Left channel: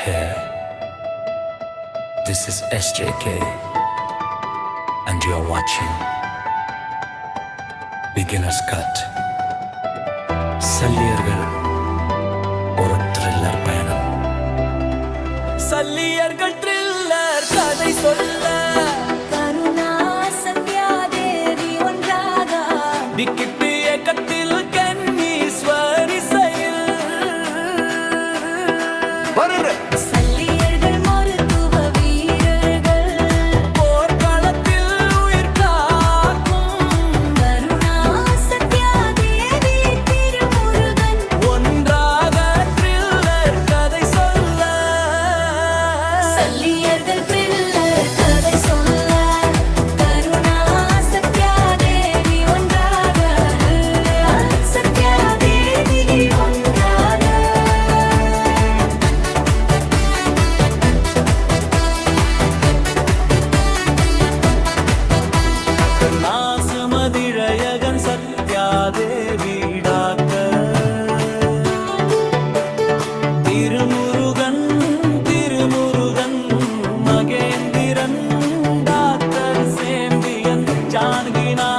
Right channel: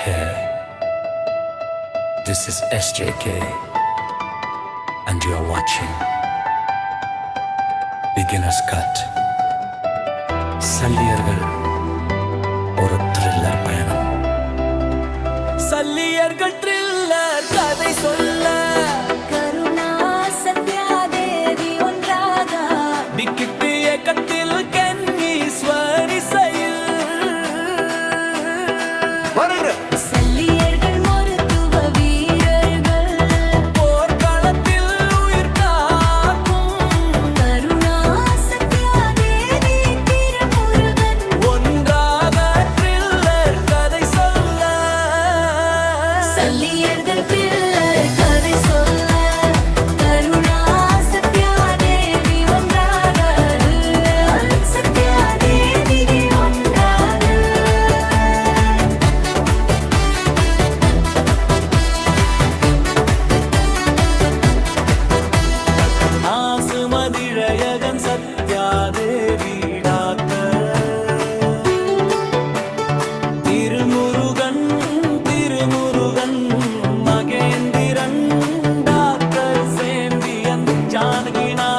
Hey, this is SJK, and you are watching Beginner's Cut. Salliyargal ஒரு thriller பயணம். Salliyargal thriller கதை சொல்ல கருணா சத்யாதேவி ஒன்றாக டிக்கிட்டு ஏக்கத்தில் கன்னீஸ்வரி செயல் சல்லியர்கள் மருத்துவ வீரர்கள் போர்க்களத்தில் உயிர் காக்கும் கருணா சத்யாதேவி திருமுருகன் ஒன்றாக த்ரில்லர் கதை சொல்ல சல்லியர்கள் த்ரில்லர் கதை சொல்ல கருணா சத்யாதேவி ஒன்றாக சத்யாதேவி ஒன்றாக நாசுமதிழயகன் Satyadevi doctor Thirumurugan Mahendran doctor champion ஜானகினா